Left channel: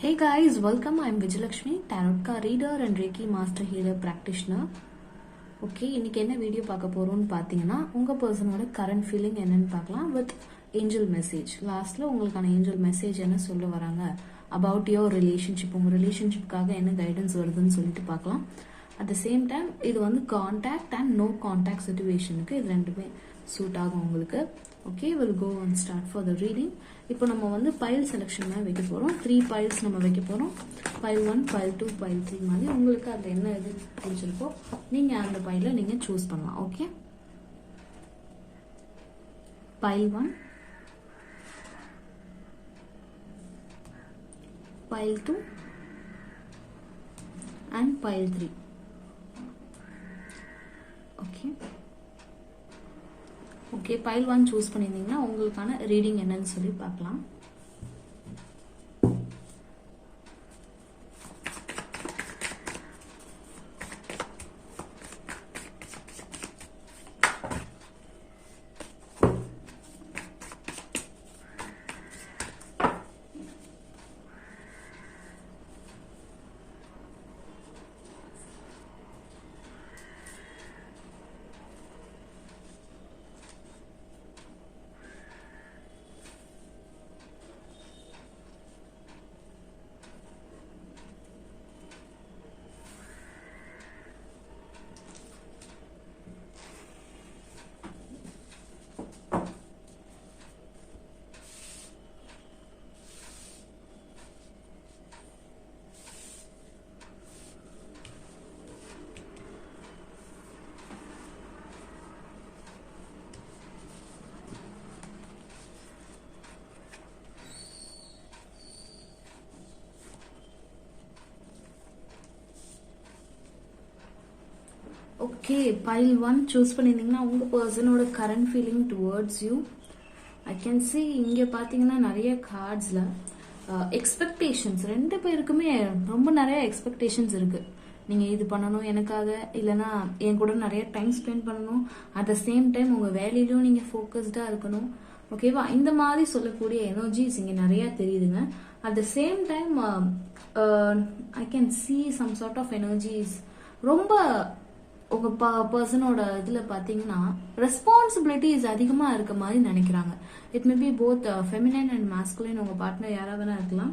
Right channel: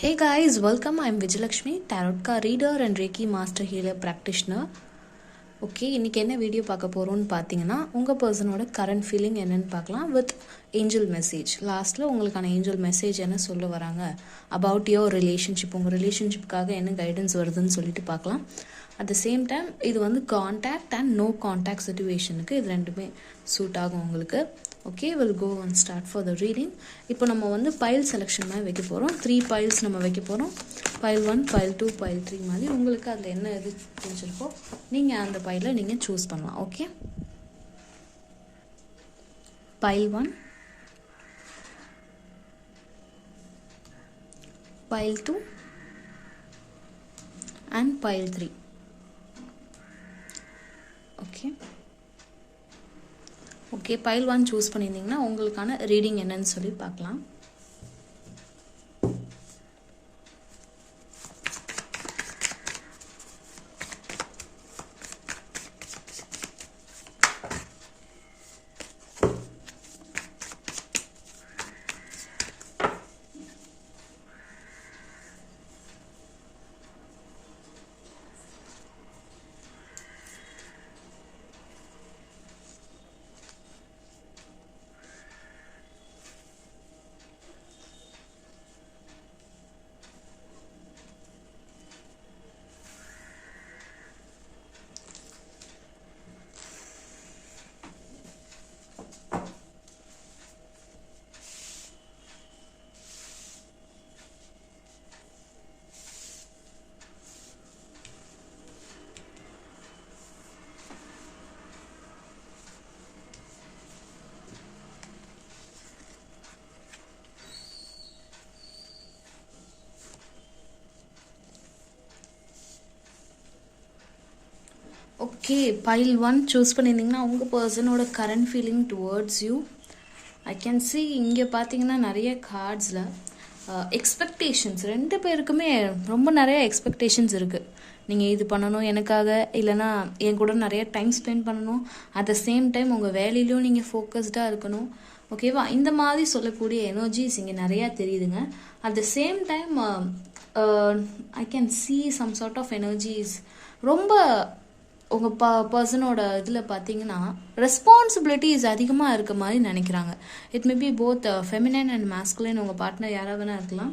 Hey guys, welcome. I'm Vijayalakshmi, Tarot card reader and Reiki Master Healer Practitioner. Okay, இன்றைக்கி என்ன video பார்க்க போகிறோன்னு பார்த்தீங்கன்னா, உங்கள் பர்சனோட கரண்ட் ஃபீலிங் என்னென்னு பார்க்கலாம் வித் ஏஞ்சல் மெசேஜ். லாஸ்ட்டில் உங்களுக்கான ஏஞ்சல் மெசேஜ் என்ன சொல்ல வராங்க அபவுட் யுவர் ரிலேஷன்ஷிப், உங்கள் ரிலேஷன்ஷிப்காக என்ன கைடன்ஸ் வருதுன்னு சொல்லிட்டு பார்க்கலாம். அட் த சேம் டைம் இது வந்து கான்டாக்ட் அண்ட் நோ கான்டாக்ட் சிச்சுவேஷனுக்கு இது ரெண்டுமே சூட் ஆகும் உங்களுக்கு. Okay, will go and start for the reading. இப்போ நம்ம வந்து பைல் செலெக்ஷன் மாதிரி வைக்க போகிறோம். 3 பைல்ஸ் நம்ம வைக்க போகிறோம். பைல் 1, பைல் 2, பைல் 3 மாதிரி உங்களுக்கு அதில் என்ன இது தெரிஞ்சிருக்கோ நீங்கள் அந்த பைலை நீங்கள் சூஸ் பண்ணலாம். Okay, file 1, file 2 and pile 3. Okay, file 1 choose பண்ணியிருந்தீங்கன்னா உங்களுக்கான ரீடிங் என்னன்னு சொல்லி பார்க்கலாம். ஓகே, பைல் 1 சூஸ் பண்ணியிருந்தீங்கன்னா உங்கள் பர்சனோட current feeling towards you. I can see இங்கே பார்த்தீங்கன்னா நிறைய கார்ட்ஸில் எக்ஸ்பெக்டேஷன்ஸ், 2 பேருக்குமே ரொம்ப நிறைய எக்ஸ்பெக்டேஷன்ஸ் இருக்குது. நீங்கள் இது பண்ணணும் எனக்காக, இல்லைனா என் கூட நிறைய டைம் ஸ்பெண்ட் பண்ணணும், அட் த சேம் டைம் உங்கள் வேலையிலையும் நீங்கள் ஃபோக்கஸ்டாக இருக்கணும். ஓகேவா, இந்த மாதிரி சொல்லக்கூடிய எனர்ஜிஸ் இங்கே நிறையா தெரியுதுங்க. At the same time I can see some sort of energies ரொம்ப உங்கள் பர்சனோட இதில் பார்த்தீங்கன்னா ரெஸ்பான்சிபிலிட்டிஸ் அதிகமாக இருக்க மாதிரி நினைக்கிறாங்க. It may be both feminine and masculine, உங்கள் பார்ட்னர் யாராக வேணா இருக்கலாம்.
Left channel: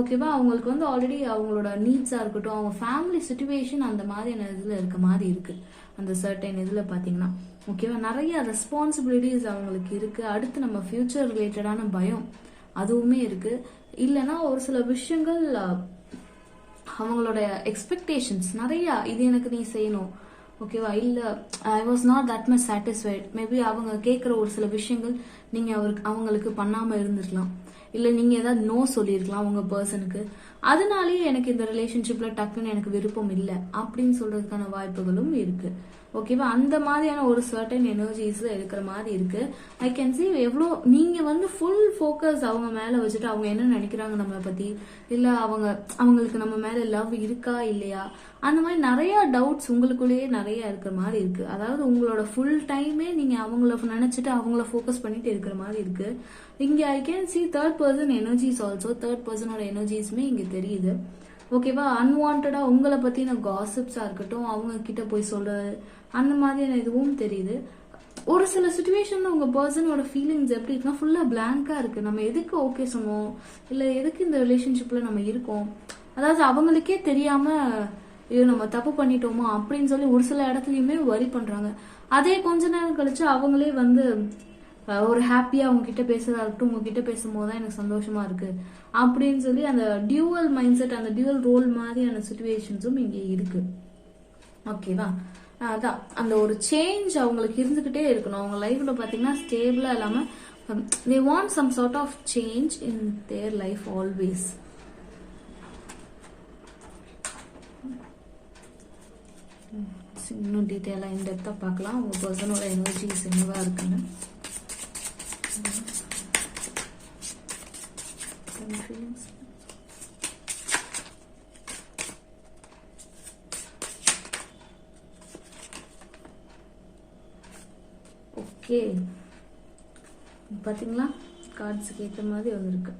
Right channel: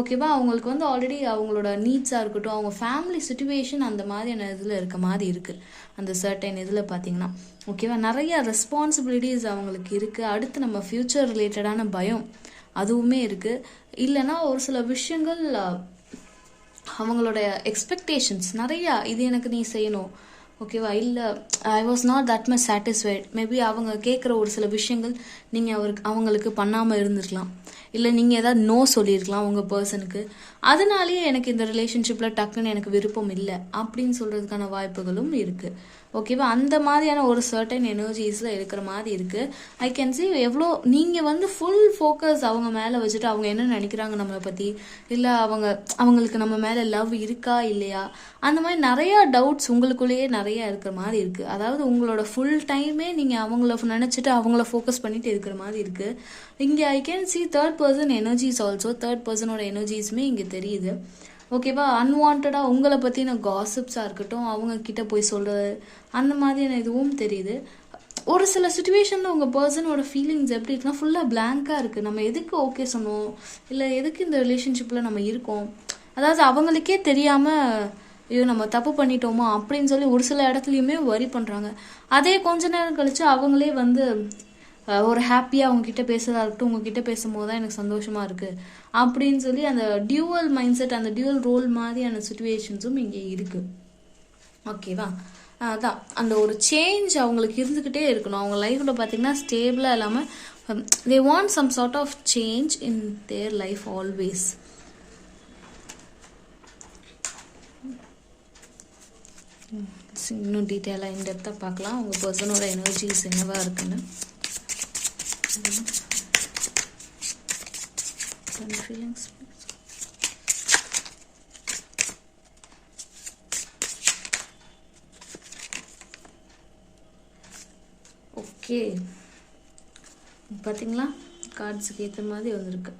ஓகேவா, அவங்களுக்கு வந்து ஆல்ரெடி அவங்களோட நீட்ஸாக இருக்கட்டும், அவங்க ஃபேமிலி சுச்சுவேஷன் அந்த மாதிரியான இதில் இருக்க மாதிரி இருக்குது. அந்த சர்டைன் இதில் பார்த்தீங்கன்னா ஓகேவா, நிறைய ரெஸ்பான்சிபிலிட்டிஸ் அவங்களுக்கு இருக்குது. அடுத்து நம்ம ஃப்யூச்சர் ரிலேட்டடான பயம் அதுவுமே இருக்குது. இல்லைனா ஒரு சில விஷயங்கள் அவங்களோட எக்ஸ்பெக்டேஷன்ஸ் நிறையா, இது எனக்கு நீ செய்யணும், ஓகேவா, இல்லை I was not that much satisfied. Maybe அவங்க கேட்குற ஒரு சில விஷயங்கள் நீங்கள் அவங்களுக்கு பண்ணாமல் இருந்திருக்கலாம், இல்லை நீங்கள் ஏதாவது நோ சொல்லியிருக்கலாம் உங்கள் பர்சனுக்கு. அதனாலேயே எனக்கு இந்த ரிலேஷன்ஷிப்பில் டக்குன்னு எனக்கு விருப்பம் இல்லை அப்படின்னு சொல்கிறதுக்கான வாய்ப்புகளும் இருக்குது. ஓகேவா, அந்த மாதிரியான ஒரு சர்டன் எனர்ஜிஸில் இருக்கிற மாதிரி இருக்குது. ஐ கேன் சி எவ்வளோ நீங்கள் வந்து ஃபுல் ஃபோக்கஸ் அவங்க மேலே வச்சுட்டு அவங்க என்ன நினைக்கிறாங்க நம்மளை பற்றி, இல்லை அவங்களுக்கு நம்ம மேலே லவ் இருக்கா இல்லையா, அந்த மாதிரி நிறையா டவுட்ஸ் உங்களுக்குள்ளேயே நிறையா இருக்கிற மாதிரி இருக்குது. அதாவது உங்களோட ஃபுல் டைமே நீங்கள் அவங்கள நினச்சிட்டு அவங்கள ஃபோக்கஸ் பண்ணிட்டு இருக்கிற மாதிரி இருக்குது. இங்கே I can see third person energies also, third பர்சனோட எனர்ஜிஸுமே இங்கே தெரியுது. ஓகேவா, அன்வான்டாக உங்களை பற்றின காசிப்ஸாக இருக்கட்டும், அவங்க கிட்ட போய் சொல்கிறது அந்த மாதிரியான இதுவும் தெரியுது. ஒரு சில சுச்சுவேஷனில் உங்கள் பர்சனோட ஃபீலிங்ஸ் எப்படி இருக்குன்னா ஃபுல்லாக பிளாங்காக இருக்குது. நம்ம எதுக்கு ஓகே சொன்னோம், இல்லை எதுக்கு இந்த ரிலேஷன்ஷிப்பில் நம்ம இருக்கோம், அதாவது அவங்களுக்கே தெரியாமல் ஐயோ நம்ம தப்பு பண்ணிட்டோமா அப்படின்னு சொல்லி ஒரு சில இடத்துலையுமே வரி பண்ணுறாங்க. அதே கொஞ்ச நேரம் கழிச்சு அவங்களே வந்து ஒரு ஹாப்பியாக அவங்ககிட்ட பேசுகிறதா இருக்கட்டும், உங்ககிட்ட பேசும்போது தான் எனக்கு சந்தோஷமாக இருக்குது அப்படின்னு சொல்லி அந்த டியூவல் மைண்ட் செட், அந்த டியூவல் ரோல் மாதிரியான சுச்சுவேஷன்ஸும் இங்கே இருக்குது. ஓகேவா, அதான் அந்த ஒரு சேஞ்ச் அவங்களுக்கு இருந்துக்கிட்டே இருக்கணும். அவங்க லைஃப்பில் பார்த்தீங்கன்னா ஸ்டேபிளாக இல்லாமல் they want some sort of change in their life always. இன்னும் டீட்டெயிலாக இன்டெப்த்தாக பார்க்கலாம் உங்கள் பர்சனோட எனர்ஜிஸ் என்னவா இருக்குன்னு. Feelings. ஓகே, பார்த்தீங்களா கார்ட்ஸுக்கு ஏற்ற மாதிரி வந்திருக்கு.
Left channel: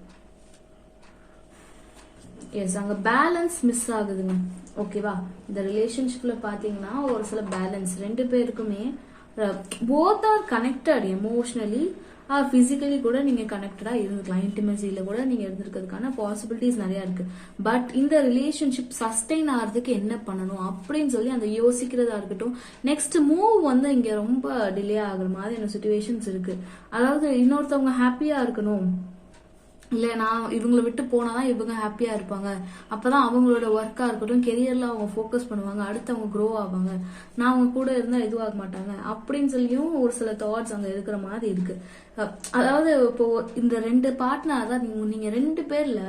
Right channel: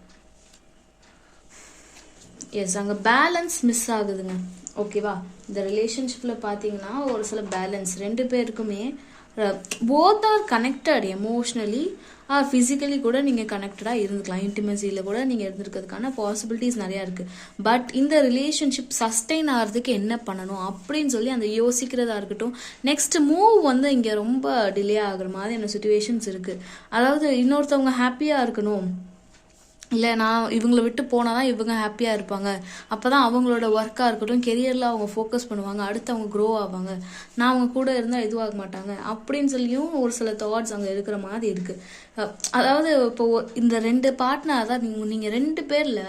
எஸ், அங்கே பேலன்ஸ் மிஸ் ஆகுதுங்க. ஓகேவா, இந்த ரிலேஷன்ஷிப்பில் பார்த்தீங்கன்னா ஒரு சில பேலன்ஸ் ரெண்டு பேருக்குமே both are connected emotionally or physically கூட நீங்கள் கனெக்டடாக இருந்துக்கலாம். இன்டிமசியில் கூட நீங்கள் இருந்திருக்கிறதுக்கான பாசிபிலிட்டிஸ் நிறையா இருக்குது. பட் இந்த ரிலேஷன்ஷிப் சஸ்டெயின் ஆகிறதுக்கு என்ன பண்ணணும் அப்படின்னு சொல்லி அந்த யோசிக்கிறதா இருக்கட்டும், நெக்ஸ்ட் மூவ் வந்து இங்கே ரொம்ப டிலே ஆகுற மாதிரியான சுச்சுவேஷன்ஸ் இருக்குது. அதாவது இன்னொருத்தவங்க ஹாப்பியாக இருக்கணும், இல்லை நான் இவங்களை விட்டு போனால் தான் இவங்க ஹாப்பியாக இருப்பாங்க, அப்போ தான் அவங்களோட ஒர்க்காக இருக்கட்டும் கெரியரில் அவங்க ஃபோக்கஸ் பண்ணுவாங்க, அடுத்து அவங்க க்ரோ ஆவாங்க, நான் அவங்க கூட இருந்தால் இதுவாக மாட்டாங்க அப்படின்னு சொல்லியும் ஒரு சில தாட்ஸ் அங்கே இருக்கிற மாதிரி இருக்குது. அதாவது இப்போ இந்த ரெண்டு பார்ட்னர் தான் நீங்கள் ரெண்டு பேரில்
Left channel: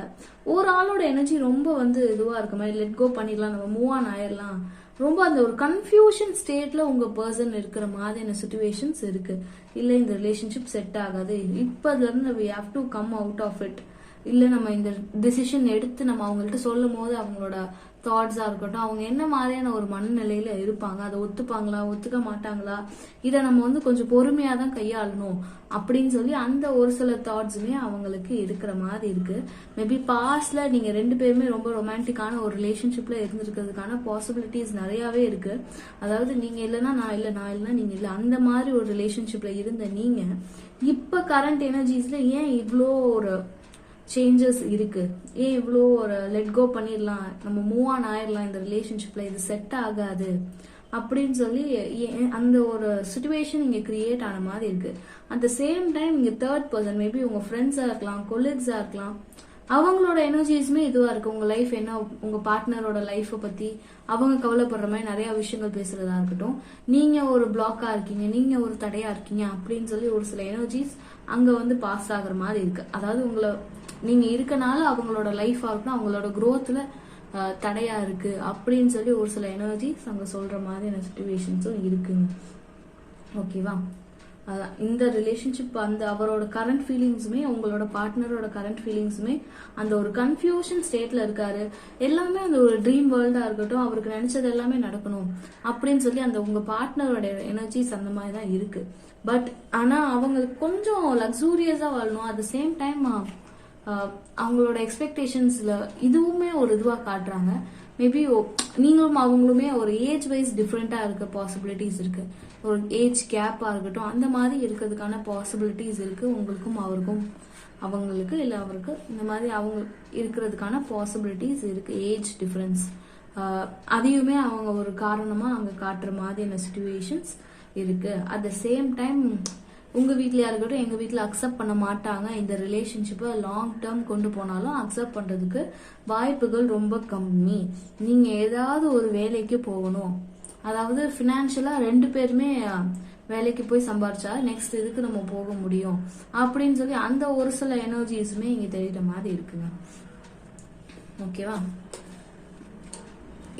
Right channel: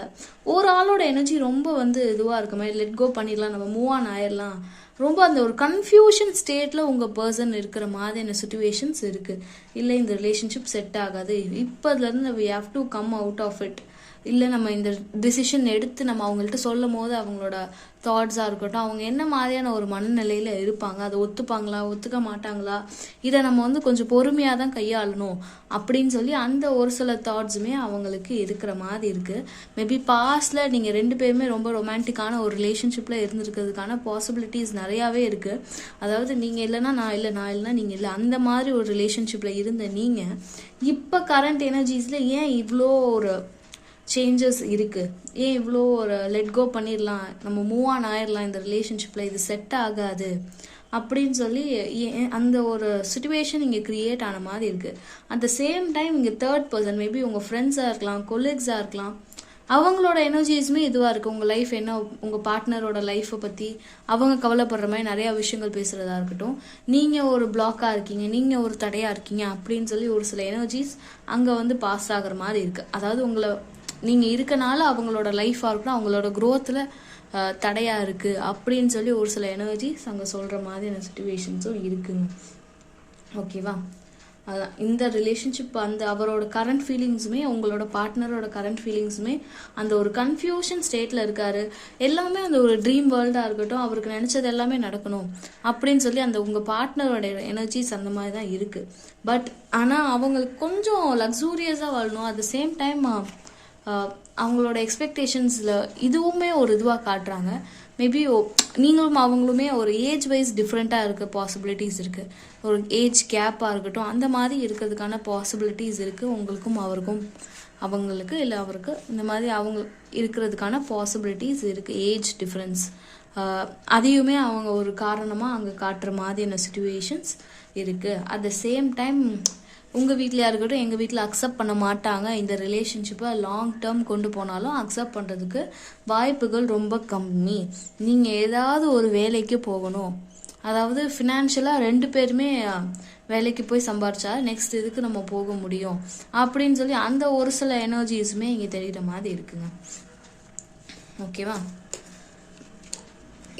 ஒரு ஆளோட எனர்ஜி ரொம்ப வந்து இதுவாக இருக்க மாதிரி லெட் கோ பண்ணிடலாம், நம்ம மூவ் ஆன் ஆயிடலாம், ரொம்ப அந்த ஒரு கன்ஃபியூஷன் ஸ்டேட்டில் உங்கள் பர்சன் இருக்கிற மாதிரியான சுச்சுவேஷன்ஸ் இருக்குது. இல்லை இந்த ரிலேஷன்ஷிப் செட் ஆகாது, இப்போதுலேருந்து we have to come out of it, இல்லை நம்ம இந்த டிசிஷன் எடுத்து நம்ம அவங்கள்ட்ட சொல்லும் போது அவங்களோட தாட்ஸாக இருக்கட்டும், அவங்க என்ன மாதிரியான ஒரு மனநிலையில் இருப்பாங்க, அதை ஒத்துப்பாங்களா ஒத்துக்க மாட்டாங்களா, இதை நம்ம வந்து கொஞ்சம் பொறுமையாக தான் கையாளணும் அப்படின்னு சொல்லி அந்த ஒரு சில தாட்ஸுமே அவங்களுக்கு இருக்கிற மாதிரி இருக்குது. மேபி பாஸ்டில் நீங்கள் ரெண்டு பேருமே ரொம்ப ரொமான்டிக்கான ஒரு ரிலேஷன்ஷிப்பில் இருந்திருக்கிறதுக்கான பாசிபிலிட்டிஸ் நிறையாவே இருக்குது. அதாவது நீங்கள் இல்லைன்னா நான் இல்லை, நான் இல்லைன்னா நீங்கள் இல்லை, அந்த மாதிரி ஒரு ரிலேஷன்ஷிப்பில் இருந்த நீங்கள் இப்போ கரண்ட் எனர்ஜிஸில் ஏன் இவ்வளோ ஒரு சேஞ்சஸ் இருக்குது, ஏன் இவ்வளோ ஒரு லெட் கோ பண்ணிடலாம், நம்ம மூவ் ஆன் ஆயிடலாம், இந்த ரிலேஷன்ஷிப்பில் இது செட் ஆகாது அப்படின்னு சொல்லி அந்த ஒரு சுச்சுவேஷன் இங்கே க்ரியேட் ஆன மாதிரி இருக்குது. அட் த சேம் டைம் இங்கே தேர்ட் பர்சன் மேபி உங்கள் ஃப்ரெண்ட்ஸாக இருக்கலாம், கொலீக்ஸாக இருக்கலாம், அவங்களோட எனர்ஜிஸுமே இதுவாக இருக்குது. உங்கள் லைஃப் என்ன, உங்கள் பார்ட்னரோட லைஃப்பை பற்றி அவங்க கவலைப்படுற மாதிரி நிறையா விஷயங்கள் பேசுகிறதா இருக்கட்டும், நீங்கள் ஒரு பிளாக்காக இருக்கீங்க, நீங்கள் ஒரு தடையாக இருக்கீங்க அப்படின்னு சொல்லி ஒரு சில எனர்ஜிஸ் அங்கே வந்து பாஸ் ஆகிற மாதிரி இருக்குது. அதாவது உங்களை நீங்கள் இருக்கனால அவங்களோட லைஃபாக இருக்கட்டும் அவங்களோட க்ரோத்தில் தடையாக இருக்குது அப்படின்னு சொல்லி ஒரு சில எனர்ஜிஸ் அங்கே சொல்கிற மாதிரியான சுச்சுவேஷன்ஸும் இருக்குங்க. ஓகேவா, அதான் இந்த ரிலேஷன்ஷிப் அந்த அவரோட கரண்ட் ஃபீலிங்ஸுமே உங்களோட பார்ட்னரோட கரண்ட் ஃபீலிங்ஸுமே அந்த ஒரு கன்ஃபியூஷன் ஸ்டேட்டில் இருக்காரு. எல்லாமே அந்த ஒரு ட்ரீம் வேர்ல்டாக இருக்கட்டும், அவருக்கு நினச்சது எல்லாமே நடக்கணும் அப்படின்னு சொல்லி அந்த உங்கள் பார்ட்னரோட எனர்ஜிஸ் அந்த மாதிரி தான் இருக்குது. பட் ஆனால் அவங்களுக்கு கொஞ்சம் லக்ஸூரியஸாக வாழணும், அட் த சேம் டைம் அவங்களோட எக்ஸ்பெக்டேஷன்ஸில் இதுவுமே ஒரு இதுவாக காட்டுறாங்க. மேபி நீங்களும் அவங்களுமே ஒரு ஏஜ் வைஸ் டிஃப்ரெண்ட்டாக இருக்க பாசிபிலிட்டிஸ் இருக்குது, ஒரு ஏஜ் கேப்பாக இருக்கட்டும் அந்த மாதிரி இருக்கிறதுக்கான பாசிபிலிட்டிஸ் இருக்குது. உங்களுக்கும் அவருக்கும், அவங்களுக்கு இல்லை அவருக்கு இந்த மாதிரி அவங்க இருக்கிறதுக்கான பாசிபிலிட்டிஸ் இருக்குது. ஏஜ் டிஃப்ரென்ஸ் அதையுமே அவங்க ஒரு காரணமாக அங்கே காட்டுற மாதிரியான சுச்சுவேஷன்ஸ் இருக்குது. அட் த சேம் டைம் உங்கள் வீட்டில் இருக்கட்டும் எங்கள் வீட்டில் அக்செப்ட் பண்ண மாட்டாங்க, இந்த ரிலேஷன்ஷிப்பை லாங் டேர்ம் கொண்டு போனாலும் அக்செப்ட் பண்ணுறதுக்கு வாய்ப்புகள் ரொம்ப கம்மி. நீங்கள் ஏதாவது ஒரு வேலைக்கு போகணும், அதாவது ஃபினான்ஷியலாக ரெண்டு பேருமே வேலைக்கு போய் சம்பாரிச்சா நெக்ஸ்ட் இதுக்கு நம்ம போக முடியும் அப்படின்னு சொல்லி அந்த ஒரு சில எனர்ஜிஸுமே இங்கே தெரிகிற மாதிரி இருக்குங்க. ஓகேவா,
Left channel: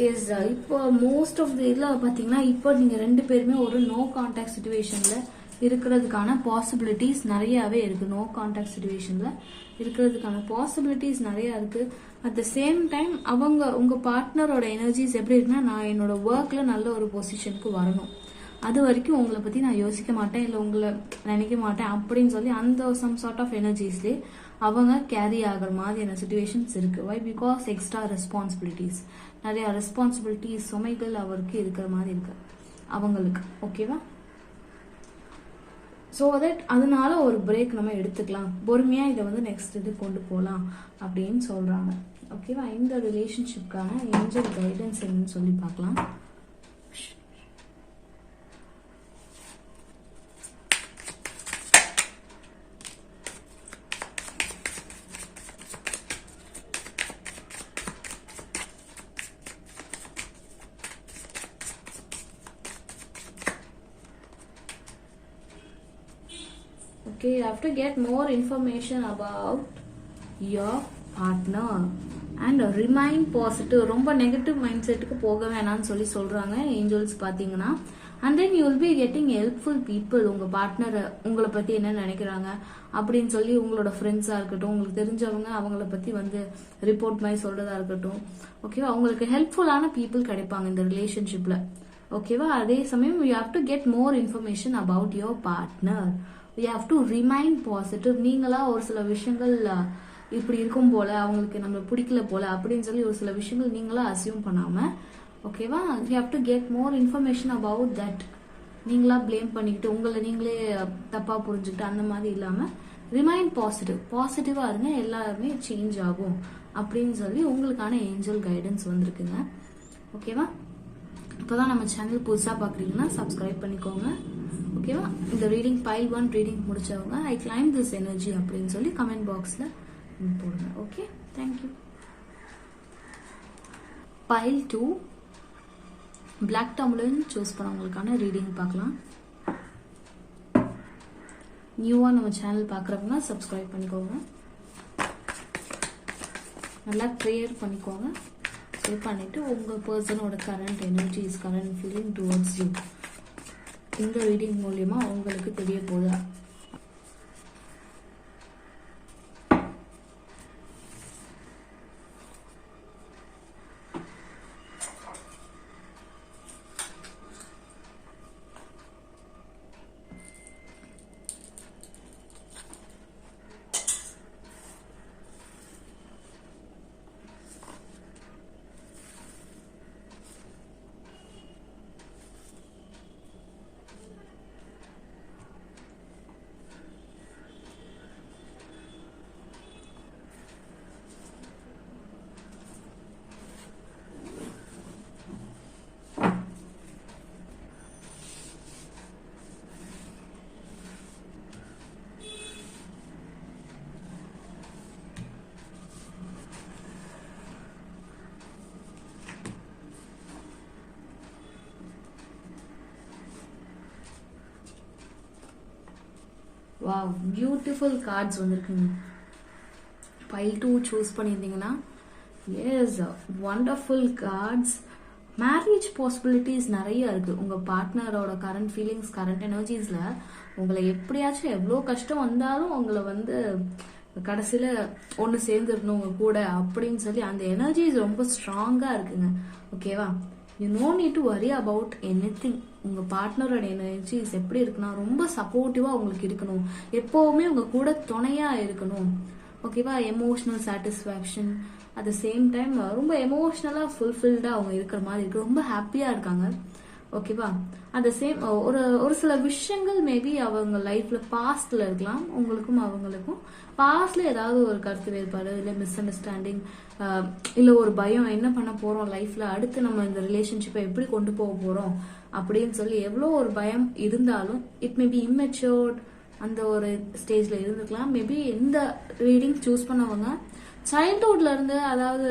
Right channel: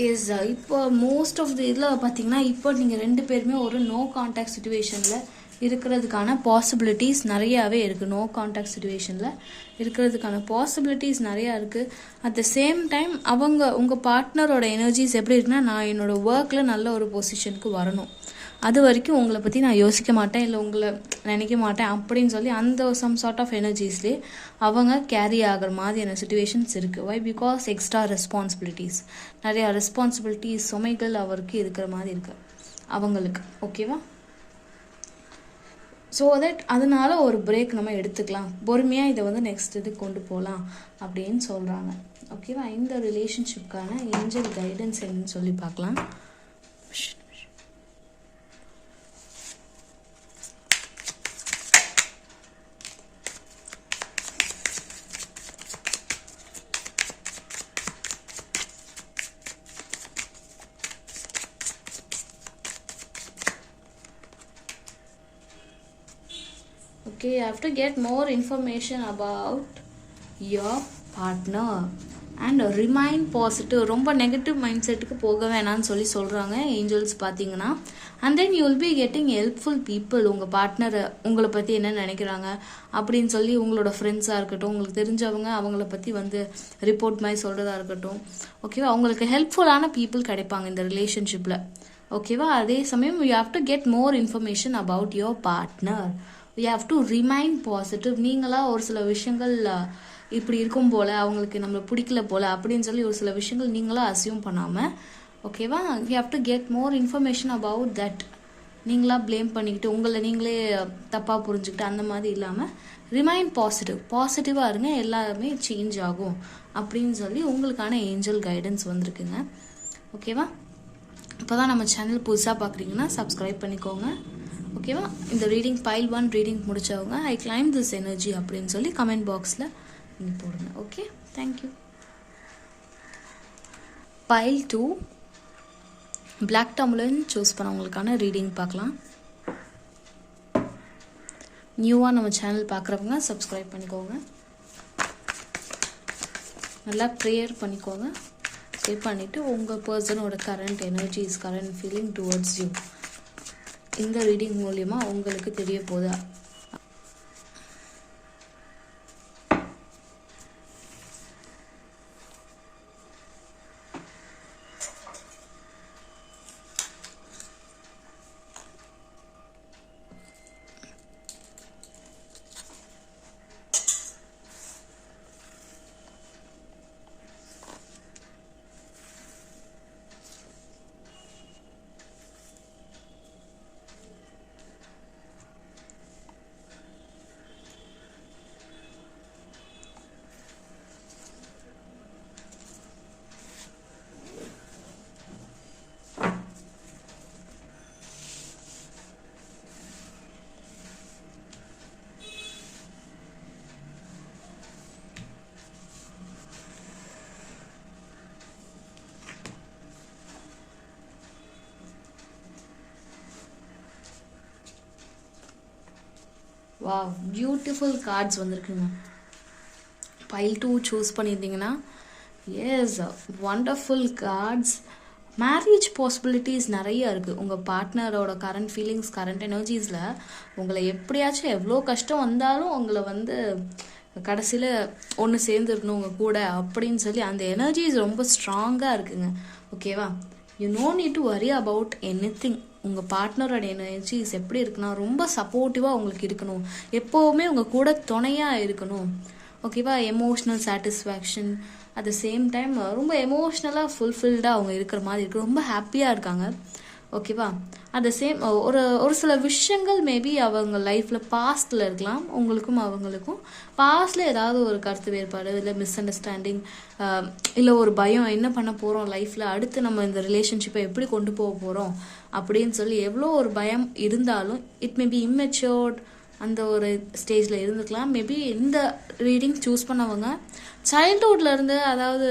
இஸ் இப்போ மோஸ்ட் ஆஃப் தி இதில் பார்த்தீங்கன்னா இப்போ நீங்கள் ரெண்டு பேருமே ஒரு நோ கான்டாக்ட் சுச்சுவேஷனில் இருக்கிறதுக்கான பாசிபிலிட்டிஸ் நிறையாவே இருக்குது. நோ கான்டாக்ட் சுச்சுவேஷனில் இருக்கிறதுக்கான பாசிபிலிட்டிஸ் நிறையா இருக்குது. அட் த சேம் டைம் அவங்க உங்கள் பார்ட்னரோட எனர்ஜிஸ் எப்படி இருக்குன்னா, நான் என்னோடய ஒர்க்கில் நல்ல ஒரு பொசிஷனுக்கு வரணும், அது வரைக்கும் உங்களை பற்றி நான் யோசிக்க மாட்டேன், இல்லை உங்களை நினைக்க மாட்டேன் அப்படின்னு சொல்லி அந்த சம் சார்ட் ஆஃப் எனர்ஜிஸ்லேயே அவங்க கேரி ஆகிற மாதிரியான சுச்சுவேஷன்ஸ் இருக்குது. வை பிகாஸ் எக்ஸ்ட்ரா ரெஸ்பான்சிபிலிட்டிஸ், நிறையா ரெஸ்பான்சிபிலிட்டிஸ் சுமைகள் அவருக்கு இருக்கிற மாதிரி இருக்குது அவங்களுக்கு. ஓகேவா, ஸோ தட் அதனால ஒரு பிரேக் நம்ம எடுத்துக்கலாம், பொறுமையாக இதை வந்து நெக்ஸ்ட் இது கொண்டு போகலாம் அப்படின்னு சொல்கிறாங்க. ஓகேவா, இந்த ரிலேஷன்ஷிப்கான ஏஞ்சல் கைடன்ஸ் என்னன்னு சொல்லி பார்க்கலாம். Okay, you have to get more information about your partner and remain positive. ரொம்ப நெகட்டிவ் மைண்ட் செட்டுக்கு போக வேணாம்னு சொல்லி சொல்கிறாங்க ஏஞ்சல்ஸ் பார்த்தீங்கன்னா. And then you will be getting helpful people. உங்கள் பார்ட்னரை உங்களை பற்றி என்ன நினைக்கிறாங்க அப்படின்னு சொல்லி உங்களோட ஃப்ரெண்ட்ஸாக இருக்கட்டும், உங்களுக்கு தெரிஞ்சவங்க அவங்கள பற்றி வந்து ரிப்போர்ட் மாதிரி சொல்கிறதா இருக்கட்டும், ஓகேவா, அவங்களுக்கு ஹெல்ப்ஃபுல்லான பீப்புள் கிடைப்பாங்க இந்த ரிலேஷன்ஷிப்பில். ஓகேவா, அதே சமயம் you have to get more information about your partner. You have to remain positive. நீங்களாக ஒரு சில விஷயங்கள் இப்படி இருக்கும் போல், அவங்களுக்கு நம்மளை பிடிக்கல போல் அப்படின்னு சொல்லி ஒரு சில விஷயங்கள் நீங்களாம் அசியூம் பண்ணாமல், ஓகேவா, you have to get more information about that. நீங்களாக ப்ளேம் பண்ணிக்கிட்டு உங்களை நீங்களே தப்பாக புரிஞ்சுக்கிட்டு அந்த மாதிரி இல்லாமல் ரிமைன் பாசிட்டிவாக இருங்க, எல்லாமே சேஞ்ச் ஆகும் அப்படின்னு சொல்லி உங்களுக்கான ஏஞ்சல் கைடன்ஸ் வந்திருக்குங்க. ஓகேவா, இப்போ தான் நம்ம சேனல் புதுசாக பார்க்குறீங்கன்னா சப்ஸ்கிரைப் பண்ணிக்கோங்க. ஓகேவா, இந்த ரீடிங் பைல் 1 ரீடிங் முடித்தவங்க ஐ கிளைம் திஸ் எனர்ஜி அப்படின்னு சொல்லி கமெண்ட் பாக்ஸில் நீங்கள் போடுங்க. Okay, thank you. Pile 2 black tourmaline choose பண்ணவங்களுக்கான ரீடிங் பார்க்கலாம். நியூவாக நம்ம சேனல் பார்க்குறவங்க சப்ஸ்கிரைப் பண்ணிக்கோங்க. நல்லா ப்ரேயர் பண்ணிக்கோங்க. ப்ரே பண்ணிவிட்டு உங்கள் பர்சனோட current energies, current feeling towards you இந்த ரீடிங் மூலிமா உங்களுக்கு தெரிய போதா. வா, பியூட்டிஃபுல் கார்ட்ஸ் வந்திருக்குங்க. பைல் 2 சூஸ் பண்ணியிருந்தீங்கன்னா yes, wonderful cards. Marriage possibilities நிறைய இருக்குது. உங்கள் பார்ட்னரோட கரண்ட் ஃபீலிங்ஸ், கரண்ட் எனர்ஜிஸில் உங்களை எப்படியாச்சும் எவ்வளோ கஷ்டம் வந்தாலும் உங்களை வந்து கடைசியில் ஒன்று சேர்ந்துருக்கணும் உங்கள் கூட அப்படின்னு சொல்லி அந்த எனர்ஜிஸ் ரொம்ப ஸ்ட்ராங்காக இருக்குங்க. ஓகேவா, you no need to worry about anything. உங்கள் பார்ட்னரோட எனர்ஜிஸ் எப்படி இருக்குன்னா ரொம்ப சப்போர்ட்டிவாக உங்களுக்கு இருக்கணும், எப்போவுமே உங்கள் கூட துணையாக இருக்கணும். ஓகேவா, emotional satisfaction at the same time ரொம்ப எமோஷ்னலாக ஃபுல்ஃபில்டாக அவங்க இருக்கிற மாதிரி இருக்குது. ரொம்ப ஹாப்பியாக இருக்காங்க. ஓகேவா, அட் த சேம் ஒரு சில விஷயங்கள் மேபி அவங்க லைஃப்பில் பாஸ்டில் இருக்கலாம். உங்களுக்கும் அவங்களுக்கும் பாஸ்டில் ஏதாவது ஒரு கருத்து வேறுபாடு, இல்லை மிஸ் அண்டர்ஸ்டாண்டிங், இல்லை ஒரு பயம், என்ன பண்ண போகிறோம் லைஃப்பில், அடுத்து நம்ம இந்த ரிலேஷன்ஷிப்பை எப்படி கொண்டு போக போகிறோம் அப்படின்னு சொல்லி எவ்வளோ ஒரு பயம் இருந்தாலும், இட் மேபி இம்மெச்சூர்ட் அந்த ஒரு ஸ்டேஜில் இருந்துக்கலாம். மேபி இந்த ரீடிங் சூஸ் பண்ணவங்க சைல்ட்ஹுட்லேருந்து, அதாவது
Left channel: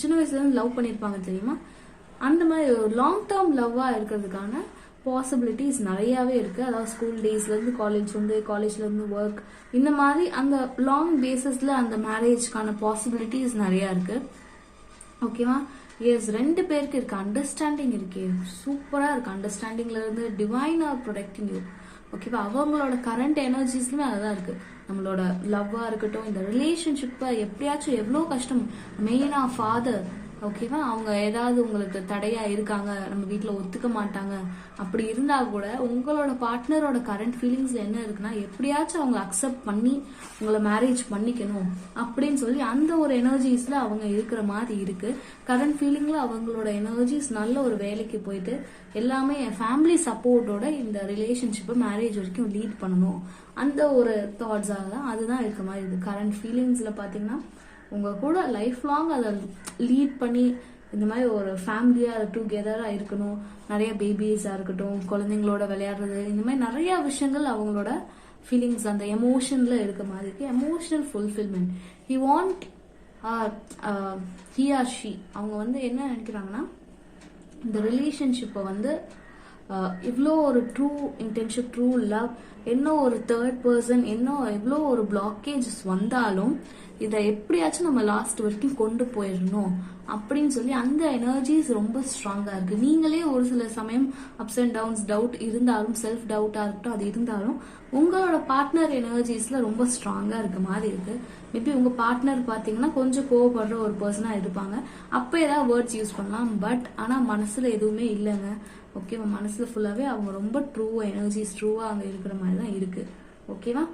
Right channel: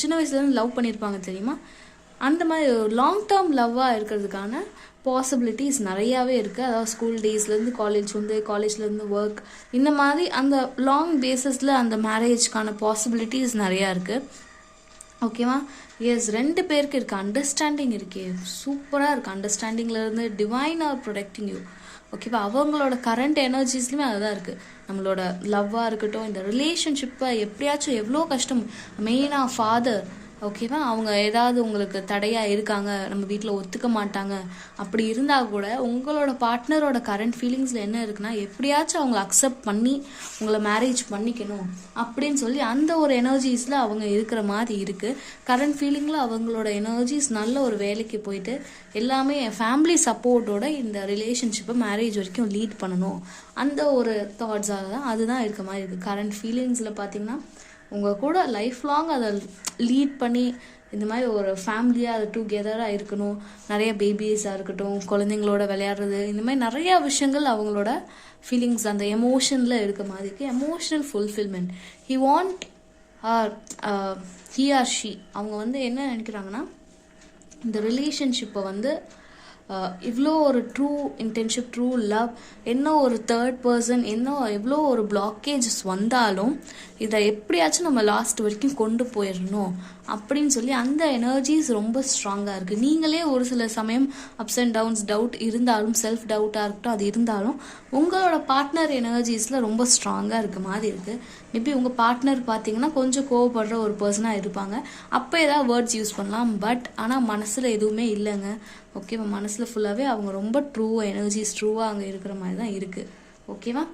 சின்ன வயசுலேருந்து லவ் பண்ணியிருப்பாங்க தெரியுமா, அந்த மாதிரி ஒரு லாங் டேர்ம் லவ்வாக இருக்கிறதுக்கான பாசிபிலிட்டிஸ் நிறையாவே இருக்குது. அதாவது ஸ்கூல் டேஸ்லேருந்து காலேஜ்லேருந்து ஒர்க், இந்த மாதிரி அந்த லாங் பேஸஸில் அந்த மேரேஜ்க்கான பாசிபிலிட்டிஸ் நிறையா இருக்குது. ஓகேவா, எஸ், 2 பேருக்கு இருக்குது. அண்டர்ஸ்டாண்டிங் இருக்கே, சூப்பராக இருக்குது. அண்டர்ஸ்டாண்டிங்லேருந்து டிவைன் ஆர் ப்ரொடெக்டிங் யூ. ஓகேவா, அவங்களோட கரண்ட் எனர்ஜிஸ்லையுமே அதுதான் இருக்குது. நம்மளோட லவ்வாக இருக்கட்டும், இந்த ரிலேஷன்ஷிப்பை எப்படியாச்சும் எவ்வளோ கஷ்டம், மெயினாக ஃபாதர், ஓகேவா, அவங்க ஏதாவது உங்களுக்கு தடையாக இருக்காங்க, நம்ம வீட்டில் ஒத்துக்க மாட்டாங்க, அப்படி இருந்தால் கூட உங்களோட பார்ட்னரோட கரண்ட் ஃபீலிங்ஸில் என்ன இருக்குன்னா, எப்படியாச்சும் அவங்கள அக்செப்ட் பண்ணி உங்களை மேரேஜ் பண்ணிக்கணும் அப்படின்னு சொல்லி அந்த ஒரு எனர்ஜிஸில் அவங்க இருக்கிற மாதிரி இருக்குது. கரண்ட் ஃபீலிங்கில் அவங்களோட எனர்ஜிஸ் நல்ல ஒரு வேலைக்கு போயிட்டு எல்லாமே ஃபேமிலி சப்போர்ட்டோட இந்த ரிலேஷன்ஷிப்பை மேரேஜ் வரைக்கும் லீட் பண்ணணும், அந்த ஒரு தாட்ஸாக தான் அதுதான் இருக்க மாதிரி இருக்குது. கரண்ட் ஃபீலிங்ஸில் பார்த்தீங்கன்னா உங்கள் கூட லைஃப் லாங் அதை லீட் பண்ணி இந்த மாதிரி ஒரு ஃபேமிலியாக அதை டுகெதராக இருக்கணும். நிறைய பேபிஸாக இருக்கட்டும், குழந்தைங்களோட விளையாடுறது, இந்த மாதிரி நிறையா விஷயங்கள் அவங்களோட ஃபீலிங்ஸ் அந்த எமோஷனில் இருக்க மாதிரி இருக்குது. Emotional fulfilment he want he or she, அவங்க வந்து என்ன நினைக்கிறாங்கன்னா, இந்த ரிலேஷன்ஷிப்பை வந்து இவ்வளோ ஒரு ட்ரூ இன்டென்ஷிப், ட்ரூ லவ், என்ன ஒரு தேர்ட் பர்சன், என்ன எவ்வளோ ஒரு பிளாக்கேஜஸ் வந்தாலும் இதை எப்படியாச்சும் நம்ம லாஸ்ட் வரைக்கும் கொண்டு போயிடணும் அப்படின்னு சொல்லி அந்த எனர்ஜிஸ் ரொம்ப ஸ்ட்ராங்காக இருக்குது. நீங்களே ஒரு சில சமயம் அப்ஸ் அண்ட் டவுன்ஸ், டவுட் இருந்தாலும், செல்ஃப் டவுட்டாக இருக்கட்டும், அது இருந்தாலும் உங்களோட பார்ட்னர் எனர்ஜிஸில் ரொம்ப ஸ்ட்ராங்காக இருக்க மாதிரி இருக்குது. மேபி உங்கள் பார்ட்னர் பார்த்தீங்கன்னா கொஞ்சம் கோவப்படுற ஒரு பர்சனாக இருப்பாங்க, அப்போ ஏதாவது வேர்ட்ஸ் யூஸ் பண்ணலாம். பட் ஆனால் மனசில் எதுவுமே இல்லைங்க. ஓகேவா, மனசில் ஃபுல்லாகவே அவங்க ரொம்ப ட்ரூவாக எனர்ஜிஸ் ட்ரூவாக அங்கே இருக்கிற மாதிரி தான் இருக்குது. ஓகேவா,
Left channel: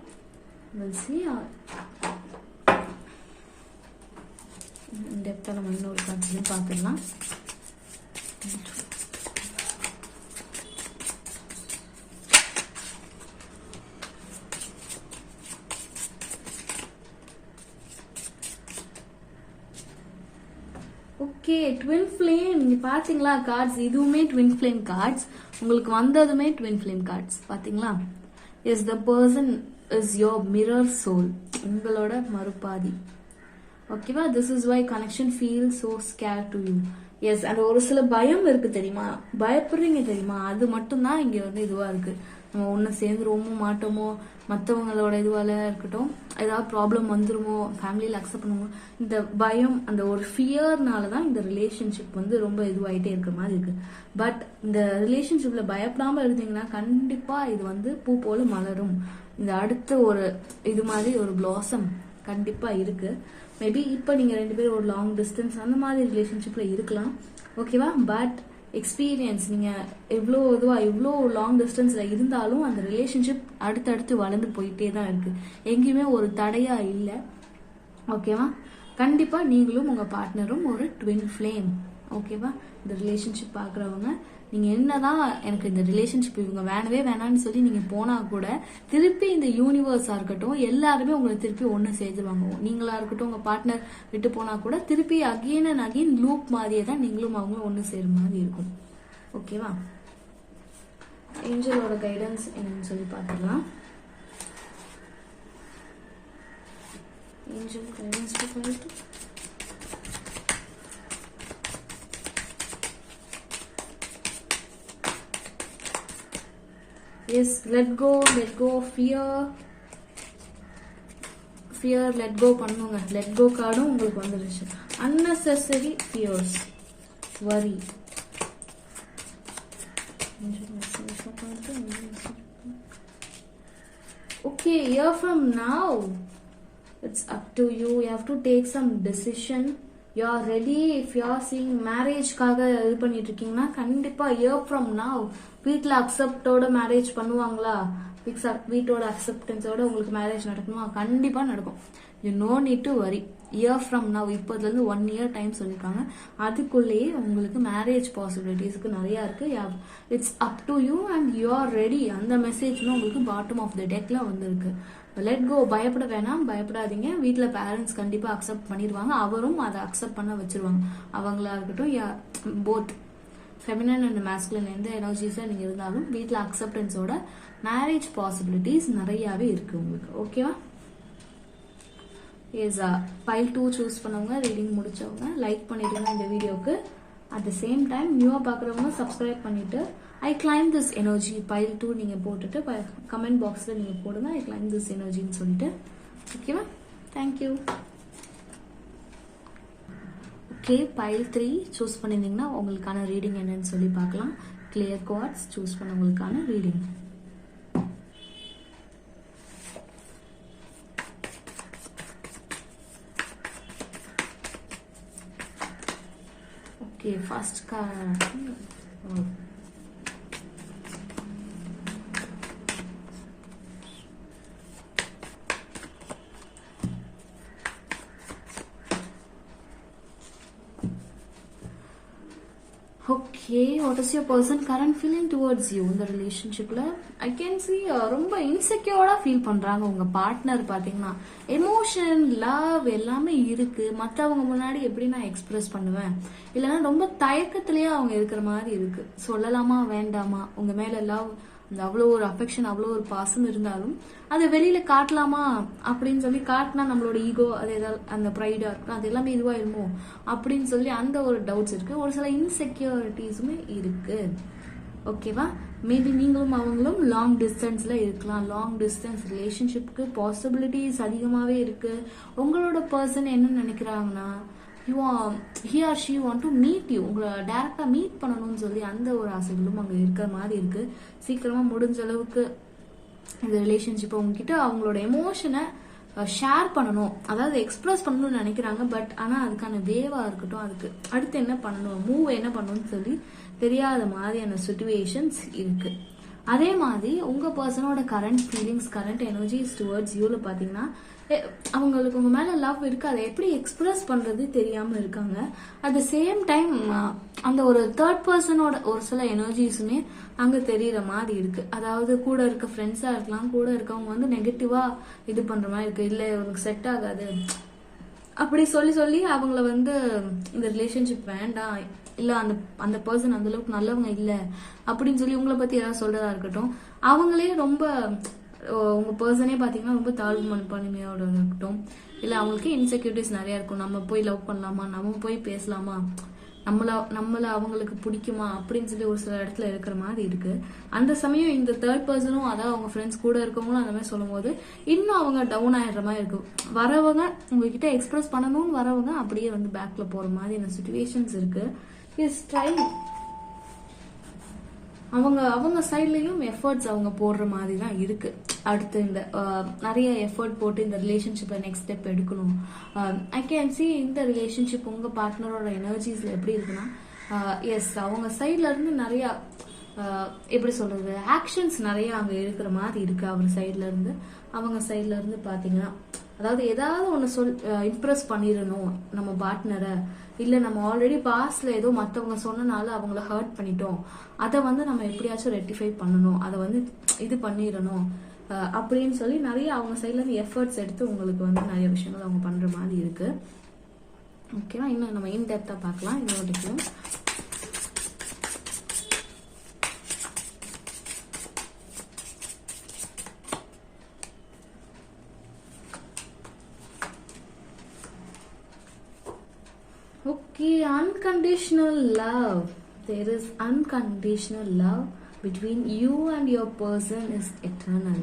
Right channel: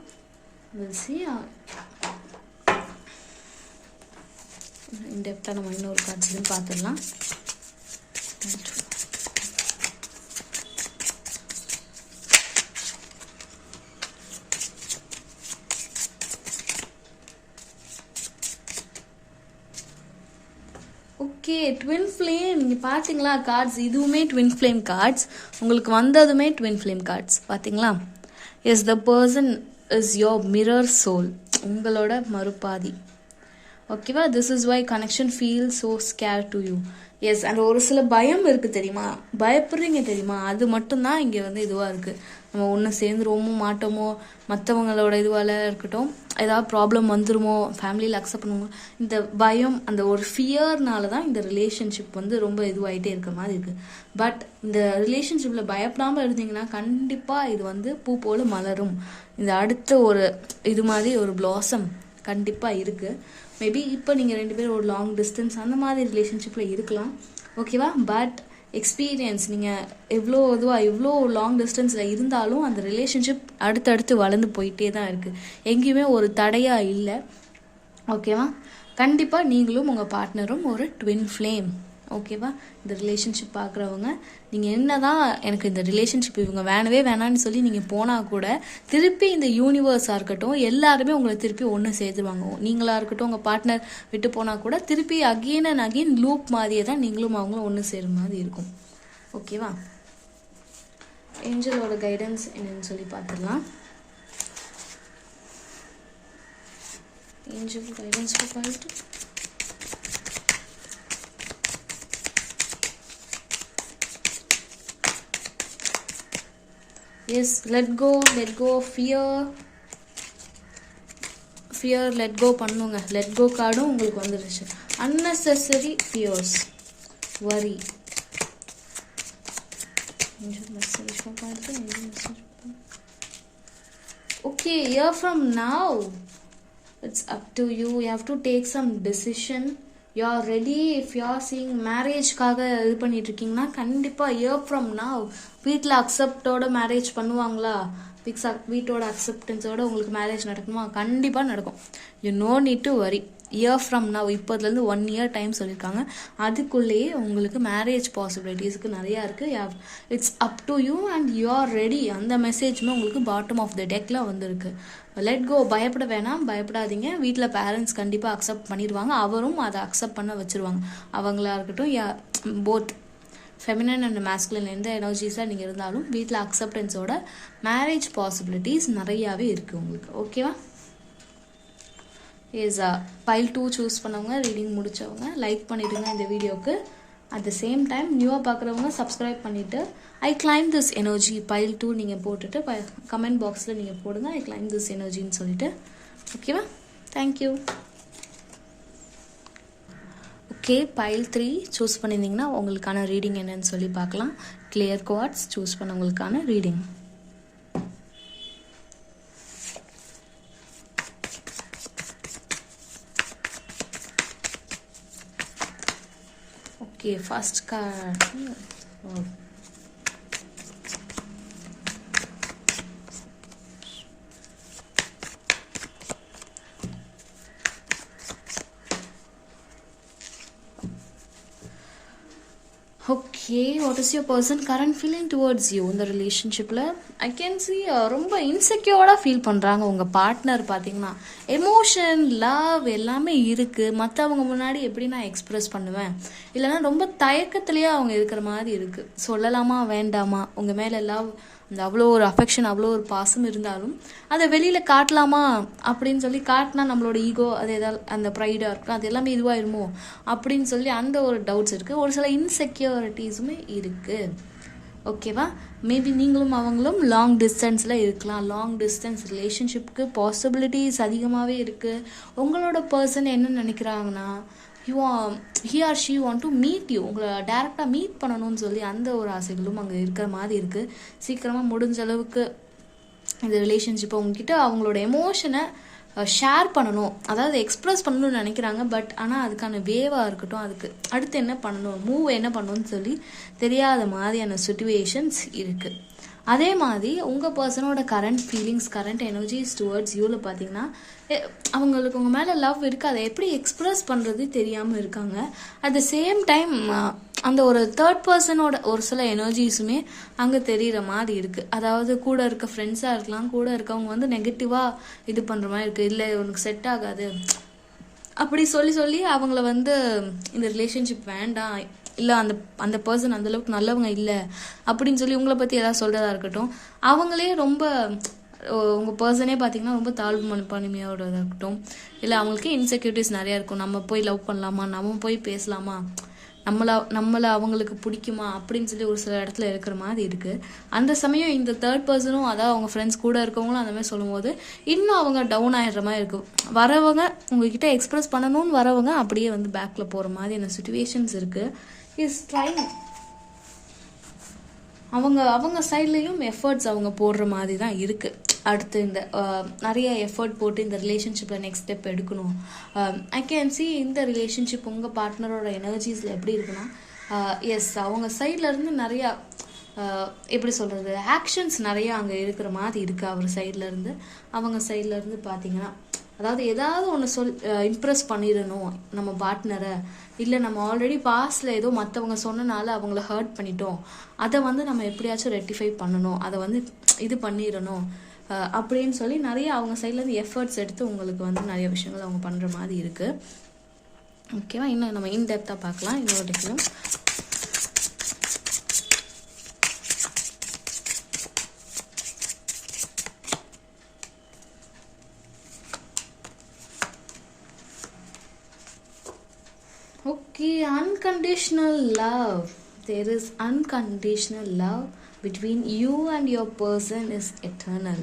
we'll see. இன்டெப்த்தாக நம்ம இன்னொரு கார்ட்ஸ்லையும் பார்த்துடலாம். Okay, twin flame. நீங்கள் பார்த்தீங்களா கார்ட்ஸ், இதுவுமே ட்வின் ஃப்ளேம் கார்ட்ஸ். உங்களுக்கு வந்ததுமே ட்வின் ஃப்ளேம் கார்ட்ஸ் பார்த்தீங்களா? Yes, the person is your mirror soul, உங்களோட மறுபாதி. ஓகேவா? This is why connection feel so scare to you. Yes, and ஒரு சில பயம் இருக்குது தெரியுமா, பயப்படுறீங்க தெரியுமா, அது மட்டும்தான் இங்கே வந்து இதுவாக இருக்குது. நம்ம ஒன்று சேர்ந்துருவோமோ மாட்டோமோ, மற்றவங்களோட இதுவால் இருக்கட்டும், ஏதாவது ப்ராப்ளம் வந்துருமோ, ஃபேமிலியில் அக்செப்ட் பண்ணுமோ, இந்த பயம், அந்த ஒரு ஃபியர்னால தான் இந்த ரிலேஷன்ஷிப் வந்து ரொம்ப இதுவாகிட்டே இருக்கிற மாதிரி இருக்குது. பட் இந்த ரிலேஷன்ஷிப்பில் பயப்படாமல் இருந்தீங்கன்னா கண்டிப்பாக இது வந்து பூ போல் மலரும். இந்த அடுத்த ஒரு இது மாதிரி ஒரு பிளாசம் கண்டிப்பாக இருக்குது. மேபி இப்போ நீங்கள் 2 பேரும் ஒரு லாங் டிஸ்டன்ஸ் அந்த மாதிரி ரிலேஷன்ஷிப்பில் இருக்கலாம். ஓகேவா? பட் எக்ஸ்பீரியன்ஸ், நீங்கள் எவ்வளோ லாங் டிஸ்டன்ஸில் இருந்தாலும் அந்த ரிலேஷன்ஷிப் அடுத்தடுத்து வளர்ந்து போயிட்டே தான் இருக்குது. எங்கேயுமே ஒரு தடையாக இல்லை. ஓகேவா? கண்டிப்பாக நீங்களும் உங்கள் பார்ட்னரும் ஒரு ட்வின் ஃப்ளேம். ஓகேவா? இந்த ரிலேஷன்ஷிப் பார்க்குறவங்க, நீங்கள் என்ன தான் எனக்கு இந்த ரிலேஷன்ஷிப் இவங்க வேணவே வேணான்னு சொல்லி நீங்கள் போனால் கூட திருப்பி இந்த யூனிவர்ஸாக இருக்கட்டும் எல்லாருமே உங்களை திருப்பி ஒன்று சேர்த்துருவாங்க. நீங்களாக இருக்கட்டும் உங்கள் பார்ட்னர் விட்டு போனால் கூட திருப்பி அகெயின் அண்ட் அகெயின் லூப் மாதிரியே தான் நீங்களும் அவங்களும் ஒன்று சேரும் மாதிரி இருக்கும். ஓகேவா? ஏஞ்சலோட கைடன்ஸ் என்னன்னு சொல்லி பார்த்துக்கலாம். ஏஞ்சல் கைடன்ஸ் பார்த்துட்டு yes, let go fear, let go பண்ணுங்க. let go கார்டும் உங்களுக்கு வந்துருச்சு. unnecessary fears, worry. okay, here from now it's up to you. You have to take some decision. You are ready. if you are seeing marriage-காக இது பண்ணிட்டு இருக்கீங்கன்னா கண்டிப்பாக year from now வீட்டில் அக்செப்டோட marriage பண்ணுவாங்களா, வீட்டோட அக்செப்டன்ஸோட உங்களுக்கு மேரேஜ் நடக்குமா? கண்டிப்பாக நடக்கும். You no need to worry. Year from now, இப்போதுலேருந்து 1 year டைம் சொல்லியிருக்காங்க. அதுக்குள்ளேயே உங்களுக்கு மேரேஜ் பாசிபிலிட்டிஸ்க்கு நிறையா இருக்குது. It's up to you and you are ready. அந்த மெசேஜுமே உங்களுக்கு பாட்டம் ஆஃப் த டெக்கில் வந்திருக்கு. Let go. பயப்பட வேணாம், பயப்படாதீங்க. வீட்டில் பேரண்ட்ஸ் கண்டிப்பாக அக்செப்ட் பண்ணிடுவாங்க. அவரும் அதை அக்செப்ட் பண்ண வச்சுருவாங்க. அவங்களா இருக்கட்டும், போத் ஃபெமினன் அண்ட் மேஸ்குலின் எந்த எனர்ஜிஸாக நீங்கள் இருந்தாலும் வீட்டில் அக்செப்டன்ஸோட மேரேஜ் பாசிபிலிட்டிஸ் நிறையாவே இருக்குது உங்களுக்கு. ஓகேவா? இஸ் பைல் 2 சூஸ் பண்ணவங்க, ரீடிங் முடித்தவங்க லைக் பண்ணிவிடுங்க இந்த வீடியோவுக்கு. அட் த சேம் டைம் நியூவாக பார்க்குறவங்க சப்ஸ்கிரைப் பண்ணிவிட்டு I claim this energy file 2 நீங்கள் போட்டுட்டு கமெண்ட் பாக்ஸில் நீங்கள் போடுங்க ஐ கிளைம் திஸ் எனர்ஜின்னு சொல்லிட்டு. ஓகேவா? தேங்க்யூ. ஓகே, பைல் 3 சூஸ் பண்ணியிருந்தீங்கன்னா உங்களுக்கான ரீடிங் என்னன்னு சொல்லி பார்க்கலாம். கிளியர் குவார்ட்ஸ் சூஸ் பண்ணவங்களுக்கான reading. Okay, first card. Okay, what is your person current feeling towards you? இந்த ரிலேஷன்ஷிப்பில் ஐ கேன் சி ரொம்ப இன்செக்யூர்டாக ஃபீல் பண்ணுறாங்க உங்கள் பார்ட்னர். பார்த்தீங்கன்னா எமோஷன், லவ் எல்லாமே இருக்குது. மற்றவங்க முன்னாடி எப்படி நான் எக்ஸ்ப்ரெஸ் பண்ணுவேன், இல்லைனா ரொம்ப தயக்கத்துலேயே அவங்க இருக்கிற மாதிரி இருக்குது. சொல்லலாமா வேண்டாமா, உங்கள் மேலே லவ், அந்த அவ்வளோ ஒரு அஃபெக்ஷன், அவ்வளோ ஒரு பாசம் இருந்தாலும் அதை வெளியில் காட்டலாமா அப்படின்னு சொல்லி காட்டினா நம்மளோட ஈகோ, அது ஏதாவது அந்த ப்ரைடாக இருக்கும், அது எல்லாமே இதுவாயிருமோ அப்படின்னு சொல்லி அந்த ஒரு டவுட்ஸ் இருக்குது. ஒரு சில இன்செக்யூரிட்டிஸுமே இருக்குது. ஓகேவா? மேபி நீங்களும் அவங்களும் லாங் டிஸ்டன்ஸில் இருக்கலாம். லாங் டிஸ்டன்ஸ் ரிலேஷன்ஷிப்புக்கு பாசிபிலிட்டிஸ் அதிகமாகவே இருக்குது. உங்களோட பர்சன் என்ன நினைக்கிறாங்கன்னா, he or she want to meet you, உங்களை டேரெக்டாக மீட் பண்ணணும்னு சொல்லி அந்த ஒரு ஆசைகளும் அங்கே இருக்கிற மாதிரி இருக்குது. சீக்கிரமாக முடிஞ்ச அளவுக்கு இந்த ரிலேஷன்ஷிப்பை உங்ககிட்ட அவங்களோட எமோஷனை ஷேர் பண்ணணும், அதாவது எக்ஸ்ப்ரெஸ் பண்ணணும்னு நினைக்கிறாங்க. பட் ஆனால் அதுக்கான வேவாக இருக்கட்டும், அதுக்கு அடுத்து என்ன பண்ணணும், மூவ் என்ன பண்ணணும்னு சொல்லி தெரியாத மாதிரியான சிச்சுவேஷன்ஸ் இருக்குது. அதே மாதிரி உங்கள் பர்சனோட current feelings, current energies towards யூவில் பார்த்தீங்கன்னா அவங்களுக்கு உங்கள் மேலே லவ் இருக்குது, அதை எப்படி எக்ஸ்ப்ரெஸ் பண்ணுறது தெரியாமல் இருக்காங்க. அட் த சேம் டைம் அந்த ஒரு தேர்ட் பர்சனோட ஒரு சில எனர்ஜிஸுமே அங்கே தெரிகிற மாதிரி இருக்குது. அதாவது கூட இருக்க ஃப்ரெண்ட்ஸாக இருக்கலாம், கூட இருக்கவங்க வந்து நெகட்டிவாக இது பண்ணுற மாதிரி இருக்குது, இல்லை இவனுக்கு செட் ஆகாது அப்படி சொல்லி அவங்கள வந்து இந்த ரிலேஷன்ஷிப் வேண்டாம், இல்லை அந்த பர்சன் அந்தளவுக்கு நல்லவங்க இல்லை அப்படின்னு சொல்லி உங்களை பற்றி ஏதாவது சொல்கிறதா இருக்கட்டும். அவங்களே ரொம்ப உங்கள் பர்சனே பார்த்தீங்கன்னா ரொம்ப தாழ்வு மனப்பான்மையோட இருக்கட்டும், இல்லை அவங்களுக்கே இன்செக்யூரிட்டிஸ் நிறையா இருக்கும். நம்ம போய் லவ் பண்ணலாமா, நம்ம போய் பேசலாமா, நம்மளை அவங்களுக்கு பிடிக்குமா அப்படின்னு சொல்லி ஒரு சில இடத்துல இருக்கிற மாதிரி இருக்குது. அந்த சமயம் இந்த தேர்ட் பர்சனும் அதாவது அவங்க ஃப்ரெண்ட்ஸ் கூட இருக்கவங்களும் அந்த மாதிரி சொல்லும்போது இன்னும் அவங்க டவுன் ஆகிடுற மாதிரி இருக்கும். வரவங்க உங்ககிட்ட எக்ஸ்ப்ரெஸ் பண்ணணும்னு வரவங்க அப்படியே வந்து பேக்கில் போகிற மாதிரியான சுச்சுவேஷன்ஸ் இருக்குது. இஸ் ட்ரைங் அவங்க சைட்லேயும் எஃபர்ட்ஸ் அவங்க போடுற மாதிரி தான் இருக்குது. அடுத்து இந்த நிறைய எஃபர்ட் போட்டு இந்த ரிலேஷன்ஷிப்பில் நெக்ஸ்ட் ஸ்டெப் எடுக்கணும். ஐ கேன் சி இந்த ரிலேஷன்ஷிப் உங்கள் பார்ட்னரோட எனர்ஜிஸில் எப்படி இருக்குன்னா, எஸ் அவங்க சைட்லேருந்து நிறையா எப்படி சொல்கிறது ஆக்ஷன்ஸ் நிறையா அங்கே இருக்கிற மாதிரி இருக்குது. அவர் சைட்லேருந்து அவங்க சைட்லேருந்து பார்த்தீங்கன்னா, அதாவது ஏதாவது ஒன்று இம்ப்ரெஸ் பண்ணிடணும் நம்ம பார்ட்னரை, இல்லை நம்ம ஆல்ரெடி பாஸ்டில் ஏதோ மற்றவங்க சொன்னனால அவங்கள ஹர்ட் பண்ணிட்டோம், அதை வந்து நம்ம எப்படியாச்சும் ரெக்டிஃபை பண்ணணும், அதை வந்து இது பண்ணிடணும் அப்படின்னு சொல்லி நிறைய அவங்க சைட்லேருந்து எஃபர்ட்ஸ் எடுத்து உங்களுக்கு வந்து நிறைய விஷயங்கள் அவங்க பண்ணுற மாதிரி இருக்குது. ஓகேவா, இன்னும் நம்ம இன்டெப்த்தாக பார்க்கலாம் இதோட. Okay, unconditional love. There is unconditional love between you and your person is eternal.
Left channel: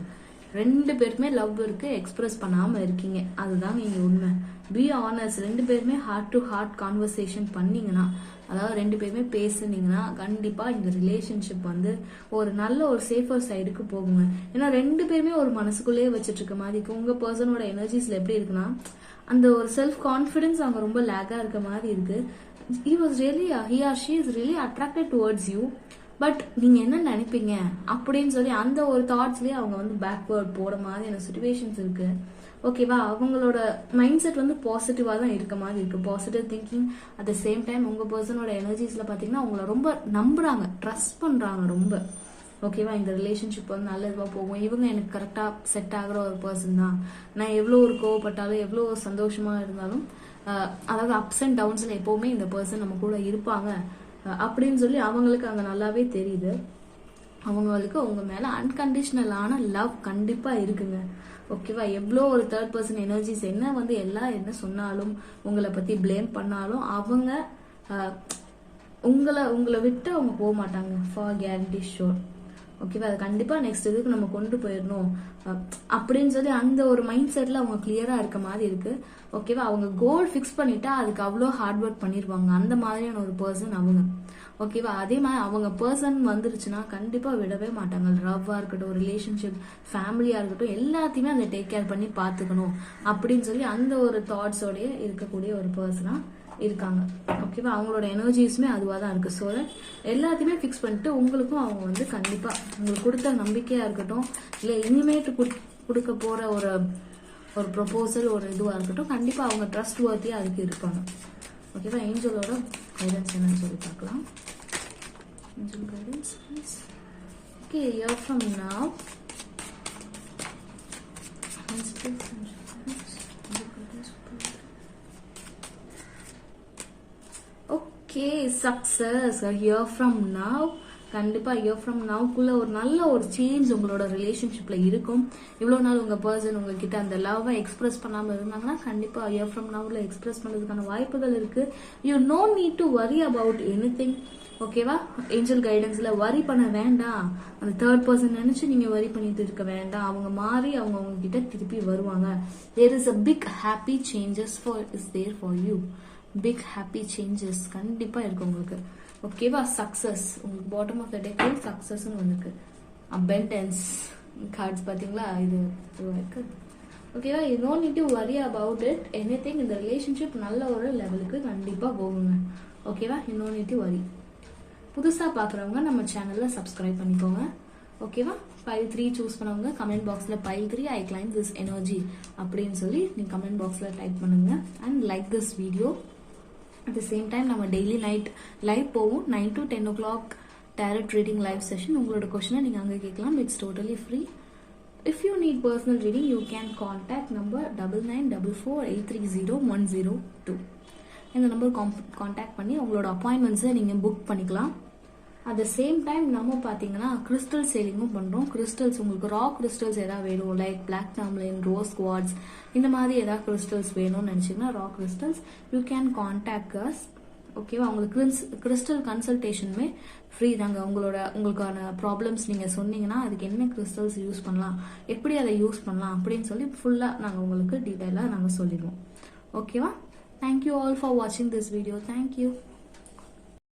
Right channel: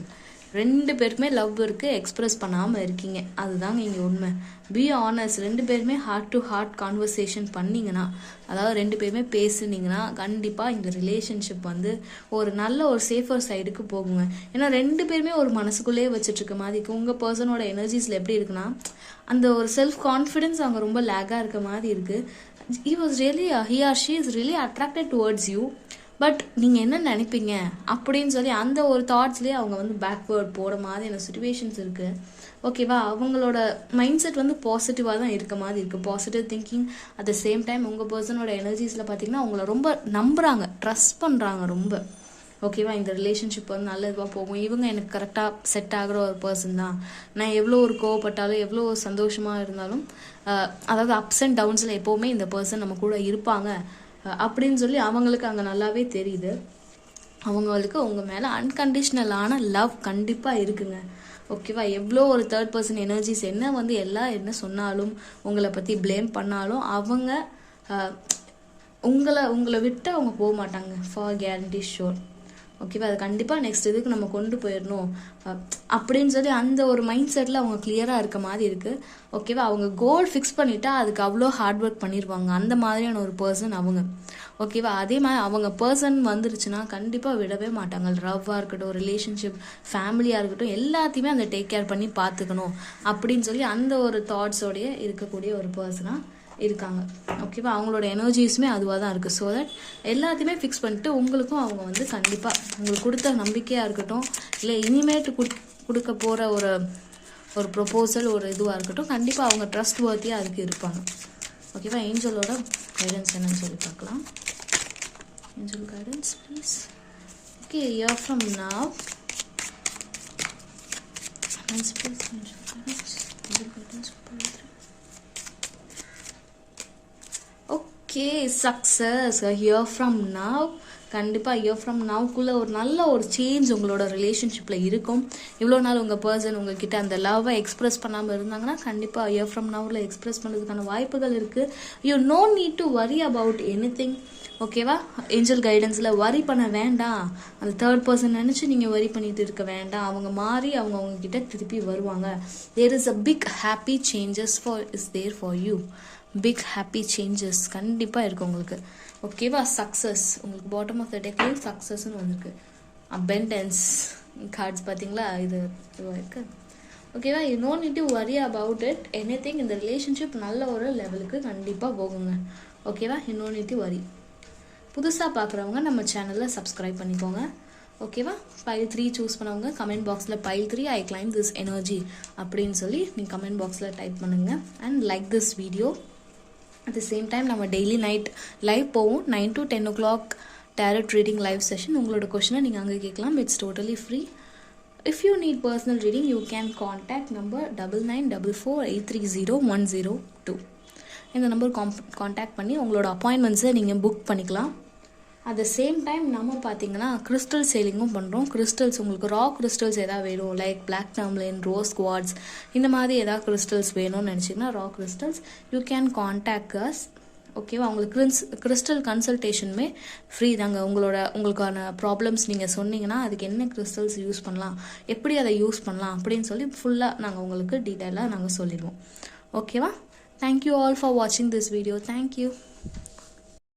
ரெண்டு பேருக்குமே லவ் இருக்குது, எக்ஸ்ப்ரெஸ் பண்ணாமல் இருக்கீங்க, அதுதாங்க இங்கே உண்மை. பி ஆனஸ்ட், ரெண்டு பேருமே ஹார்ட் டு ஹார்ட் கான்வர்சேஷன் பண்ணிங்கன்னா, அதாவது ரெண்டு பேருமே பேசுனீங்கன்னா கண்டிப்பாக இந்த ரிலேஷன்ஷிப் வந்து ஒரு நல்ல ஒரு சேஃபர் சைடுக்கு போகுங்க. ஏன்னா ரெண்டு பேருமே ஒரு மனசுக்குள்ளேயே வச்சுட்ருக்க மாதிரி இருக்குது. உங்கள் பர்சனோட எனர்ஜிஸில் எப்படி இருக்குன்னா, அந்த ஒரு செல்ஃப் கான்ஃபிடென்ஸ் அவங்க ரொம்ப லேக்காக இருக்க மாதிரி இருக்குது. he or she is really attracted towards you, but நீங்கள் என்ன நினைப்பீங்க அப்படின்னு சொல்லி அந்த ஒரு தாட்ஸ்லேயே அவங்க வந்து பேக்வேர்ட் போகிற மாதிரியான சுச்சுவேஷன்ஸ் இருக்குது. ஓகேவா, அவங்களோட மைண்ட் செட் வந்து பாசிட்டிவாக தான் இருக்க மாதிரி இருக்குது, positive thinking. At the same time உங்கள் பர்சனோட எனர்ஜிஸில் பார்த்தீங்கன்னா அவங்கள ரொம்ப நம்புகிறாங்க, ட்ரஸ்ட் பண்ணுறாங்க ரொம்ப. ஓகேவா, இந்த ரிலேஷன்ஷிப் வந்து நல்ல இதுவாக போகும், இவங்க எனக்கு கரெக்டாக செட் ஆகிற ஒரு பர்சன் தான், நான் எவ்வளோ ஒரு கோவப்பட்டாலும் எவ்வளோ சந்தோஷமாக இருந்தாலும் அதாவது அப்ஸ் அண்ட் டவுன்ஸில் எப்போவுமே இந்த பர்சன் நம்ம கூட இருப்பாங்க அப்படின்னு சொல்லி அவங்களுக்கு அங்கே நல்லாவே தெரியுது. அவங்களுக்கு உங்கள் மேலே அன்கண்டிஷ்னலான லவ் கண்டிப்பாக இருக்குங்க. ஓகேவா, எவ்வளோ ஒரு தேர்ட் பர்சன் எனர்ஜிஸ் என்ன வந்து எல்லாம் என்ன சொன்னாலும் உங்களை பற்றி ப்ளேம் பண்ணாலும் அவங்க உங்களை விட்டு அவங்க போக மாட்டாங்க, ஃபார் கேரண்டி ஷோர். ஓகேவா, அது கண்டிப்பாக நெக்ஸ்ட் இதுக்கு நம்ம கொண்டு போயிடணும் அப்படின்னு சொல்லி அந்த ஒரு மைண்ட் செட்டில் அவங்க கிளியராக இருக்க மாதிரி இருக்குது. ஓகேவா, அவங்க கோல் ஃபிக்ஸ் பண்ணிட்டா அதுக்கு அவ்வளோ ஹார்ட் ஒர்க் பண்ணிடுவாங்க, அந்த மாதிரியான ஒரு பர்சன் அவங்க. ஓகேவா, அதே மாதிரி அவங்க பர்சன் வந்துருச்சுன்னா கண்டிப்பாக விடவே மாட்டாங்க. லவ்வாக இருக்கட்டும், ரிலேஷன்ஷிப், ஃபேமிலியாக இருக்கட்டும், எல்லாத்தையுமே அந்த டேக் கேர் பண்ணி பார்த்துக்கணும் அப்படின்னு சொல்லி அந்த ஒரு தாட்ஸோடைய இருக்கக்கூடிய ஒரு பர்சனாக இருக்காங்க. ஓகேவா, அவங்களோட எனர்ஜிஸுமே அதுவாக தான் இருக்குது. ஸோ தட் எல்லாத்தையுமே ஃபிக்ஸ் பண்ணிட்டு உங்களுக்கும் அவங்க வந்து கண்டிப்பாக உங்களுக்கு கொடுத்த நம்பிக்கையாக இருக்கட்டும், இல்லை இனிமேட்டு கொடுக்க போகிற ஒரு ப்ரொபோசல் ஒரு இதுவாக இருக்கட்டும், கண்டிப்பாக அவங்க ட்ரஸ்ட் வர்த்தியாக அதுக்கு இருப்பாங்க. ஓகேவா, ஏஞ்சலோட கைடன்ஸ் என்னன்னு சொல்லி பார்க்கலாம். Angel guidance please. Okay, your from now success here from now. கண்டிப்பாக ஹியர் ஃப்ரம் நவ்க்குள்ளே ஒரு நல்ல ஒரு சேஞ்ச் உங்களோட ரிலேஷன்ஷிப்பில் இருக்கும். இவ்வளோ நாள் உங்கள் பர்சன் உங்ககிட்ட அந்த லவ்வை எக்ஸ்ப்ரெஸ் பண்ணாமல் இருந்தாங்கன்னா கண்டிப்பாக ஹியர் ஃப்ரம் நவ்வில் எக்ஸ்ப்ரெஸ் பண்ணுறதுக்கான வாய்ப்புகள் இருக்குது. You no need to worry about anything. ஓகேவா, ஏஞ்சல் கைடன்ஸில் வரி பண்ண வேண்டாம், அந்த தேர்ட் பர்சன் நினச்சி நீங்கள் வரி பண்ணிட்டு இருக்க வேண்டாம். அவங்க மாறி அவங்கக்கிட்ட திருப்பி வருவாங்க. There is a big happy changes is there for you. Big happy changes கண்டிப்பாக இருக்குது உங்களுக்கு. ஓகேவா, சக்ஸஸ் உங்களுக்கு பாட்டம் ஆஃப் த டெக்கில் சக்ஸஸ்ன்னு வந்திருக்கு. அபெண்டன்ஸ் கார்ட்ஸ் பார்த்தீங்களா, இது இருக்குது. ஓகேவா, you no need to worry about it anything. இந்த ரிலேஷன்ஷிப் நல்ல ஒரு லெவலுக்கு கண்டிப்பாக போகுங்க. ஓகேவா, யூ நோ நீட் டு வரி. புதுசாக பார்க்குறவங்க நம்ம சேனலில் சப்ஸ்கிரைப் பண்ணிக்கோங்க. ஓகேவா? பைல் 3 சூஸ் பண்ணவங்க கமெண்ட் பாக்ஸில் file 3 I claim this energy அப்படின்னு சொல்லி நீங்கள் கமெண்ட் பாக்ஸில் டைப் பண்ணுங்கள். And like this video. At the same time நம்ம டெய்லி நைட் லைவ் போவோம் 9 to 10 o'clock tarot reading live session. உங்களோட கொஷனை நீங்கள் அங்கே கேட்கலாம். It's totally free. If you need personal reading, you can contact number 9944830102. இந்த number contact பண்ணி உங்களோட அப்பாயின்மெண்ட்ஸை நீங்கள் புக் பண்ணிக்கலாம். அட் த சேம் டைம் நம்ம பார்த்தீங்கன்னா கிறிஸ்டல் சேலிங்கும் பண்ணுறோம். கிறிஸ்டல்ஸ் உங்களுக்கு ரா கிறிஸ்டல்ஸ் எதாவது வேணும், like black tourmaline, rose quartz, இந்த மாதிரி எதாவது கிறிஸ்டல்ஸ் வேணும்னு நினச்சிங்கன்னா raw crystals you can contact us. ஓகேவா? உங்களுக்கு கிறிஸ்டல் கன்சல்டேஷனுமே ஃப்ரீ தாங்க. உங்களுக்கான ப்ராப்ளம்ஸ் நீங்கள் சொன்னீங்கன்னா அதுக்கு என்ன கிறிஸ்டல்ஸ் யூஸ் பண்ணலாம், எப்படி அதை யூஸ் பண்ணலாம் அப்படின்னு சொல்லி ஃபுல்லாக நாங்கள் உங்களுக்கு டீட்டெயிலாக நாங்கள் சொல்லிடுவோம். ஓகேவா? தேங்க்யூ ஆல் ஃபார் வாட்சிங் திஸ் வீடியோ. தேங்க்யூ.